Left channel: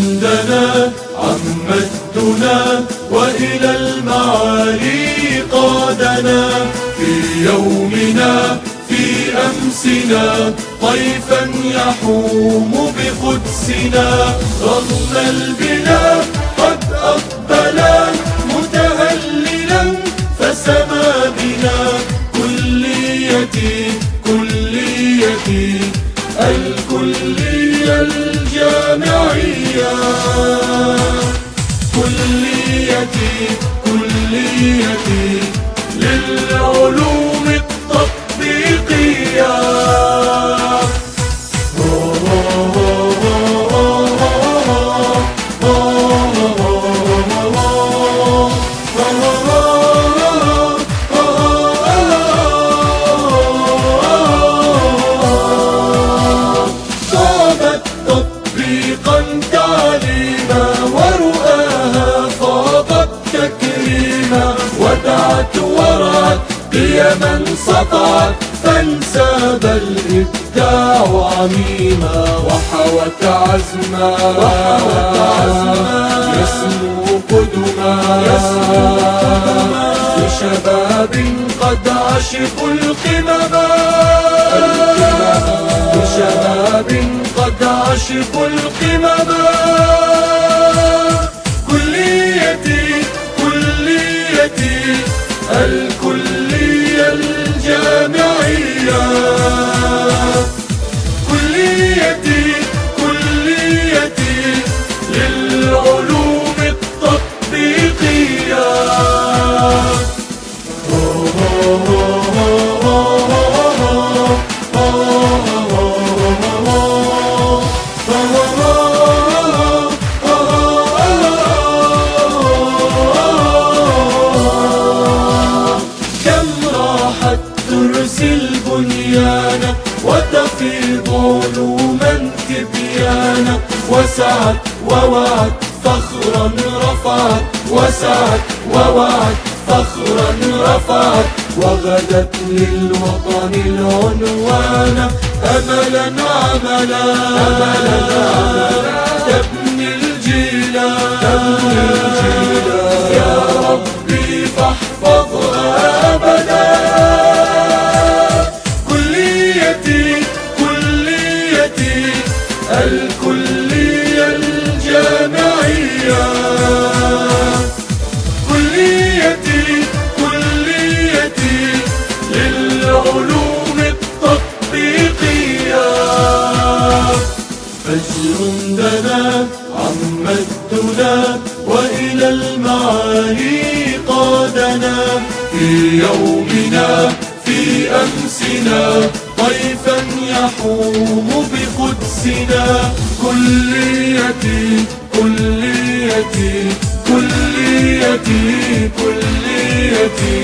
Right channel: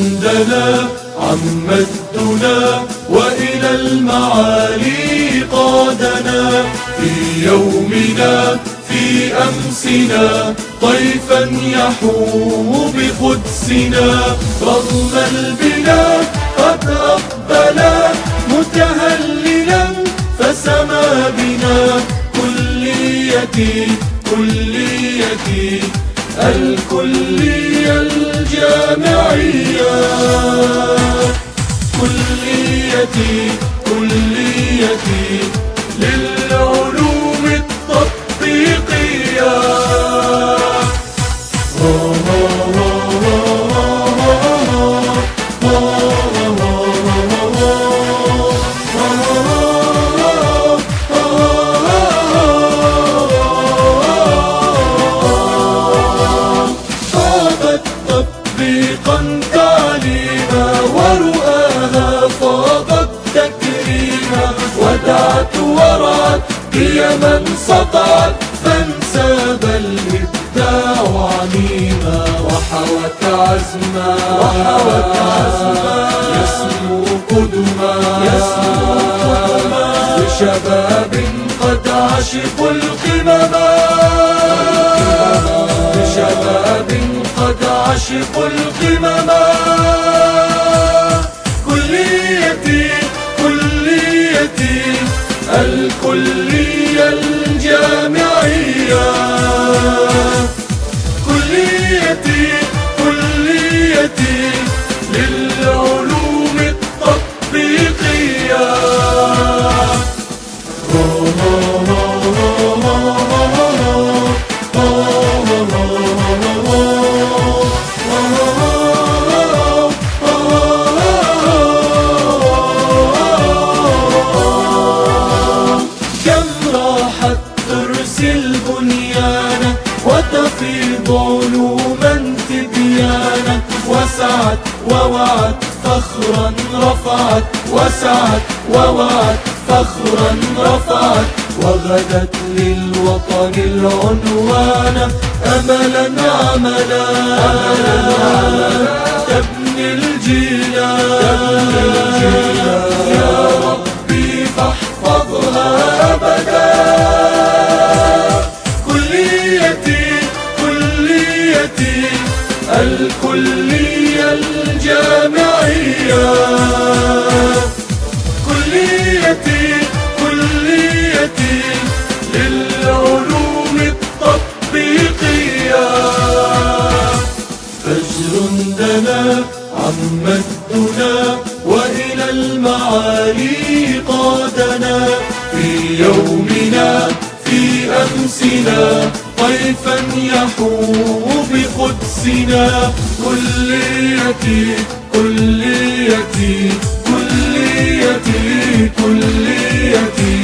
دنا عم الدنا وإلى المعالي قادنا، في يومنا في أمسنا طيفا يحوم بقدسنا، رغم البلا قد أقبلا متهللا فسما بنا، كليتي كليتي الكلية الجامعية، كليتي كليتي للعلوم التطبيقية. هي من سطعت فانساب الإبداع عميما، وحوت عزما يسمو قدما لشباب قد عشقوا القمم، لشباب قد عشقوا القمم. كليتي كليتي الكلية الجامعية، كليتي كليتي للعلوم التطبيقية. البنيان وتفيض علوما تبيانا، وسعت ووعت فخرا رفعت، وسعت ووعت فخرا رفعت، وغدت للوطن العنوان أملا عملا تبني الجيلا، يا ربي فاحفظها أبدا. الكلية الجامعية، كليتي كليتي للعلوم التطبيقية. فجر دنا عم الدنا وإلى المعالي قادنا، في يومنا في أمسنا طيفا يحوم بقدسنا، كليتي كليتي كليتي كليتي